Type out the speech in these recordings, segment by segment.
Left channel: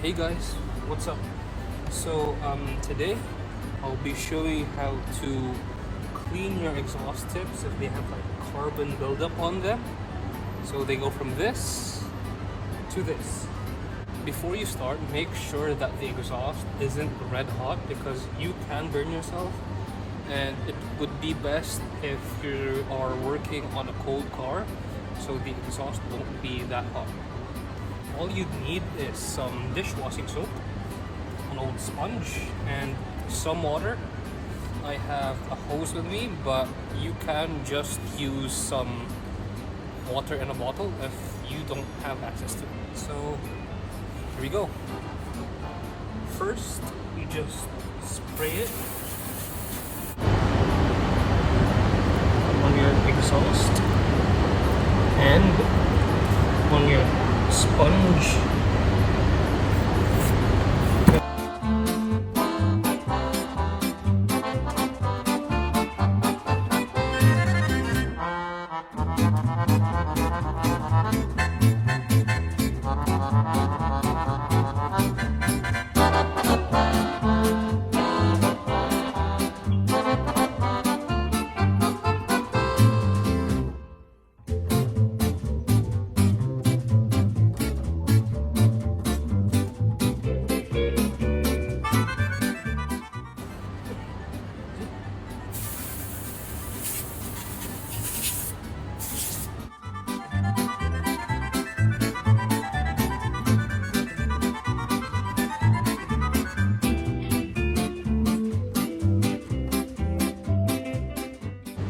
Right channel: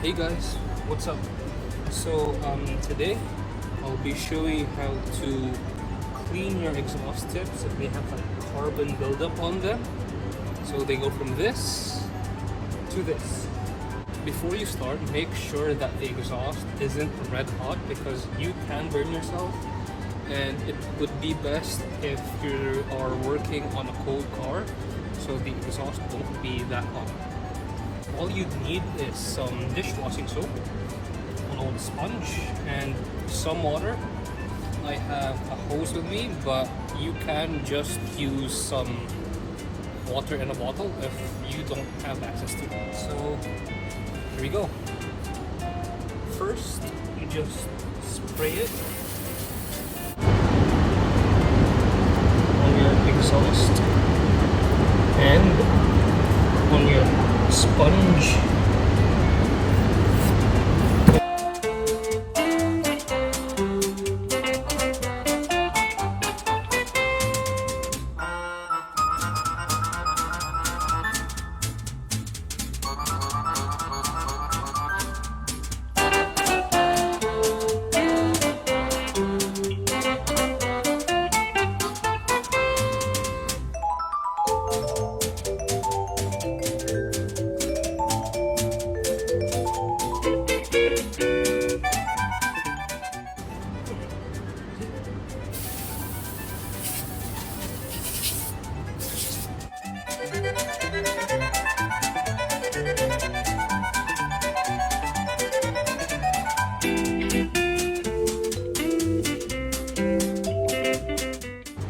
Hey guys, what's up? Today I'll be showing you how to clean your exhaust tips if they have like carbon buildup on them. So they go from this to this. Before you start, make sure that the exhaust isn't red hot because you can burn yourself, and it would be best if you are working on a cold car so the exhaust won't be that hot. All you need is some dishwashing soap, an old sponge, and some water. I have a hose with me, but you can just use some water in a bottle if you don't have access to that. So here we go. First, you just spray it on your exhaust and on your sponge.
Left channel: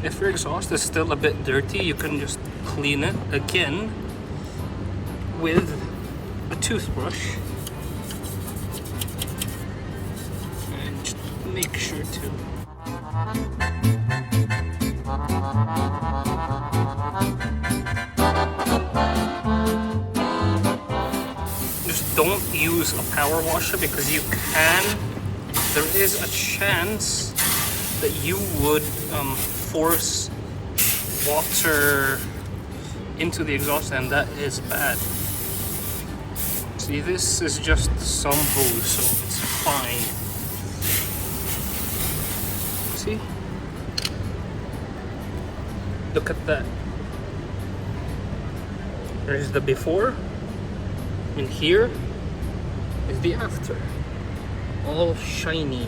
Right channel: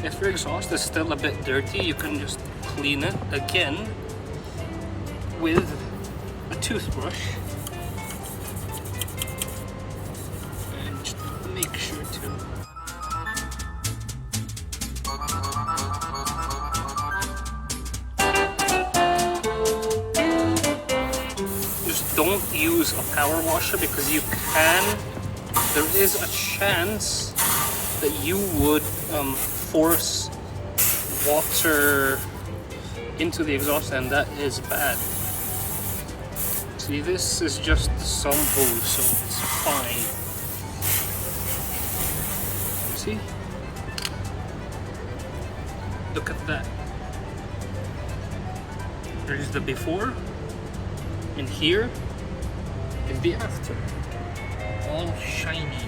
If your exhaust is still a bit dirty, you can just clean it again with a toothbrush. And just make sure to just don't use a power washer because there is a chance that you would force water into the exhaust, and that is bad. See, this is just some hose, so it's fine. See? Look at that. There's the before, and here is the after. All shiny.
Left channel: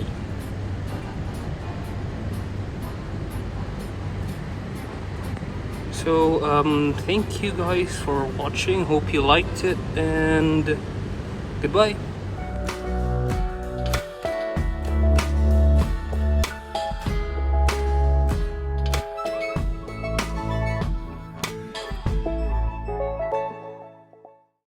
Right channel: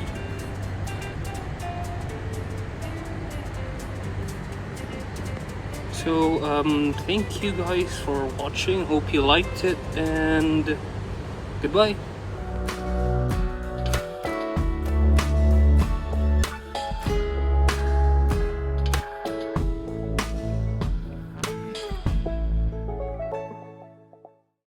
So thank you guys for watching, hope you liked it, and goodbye.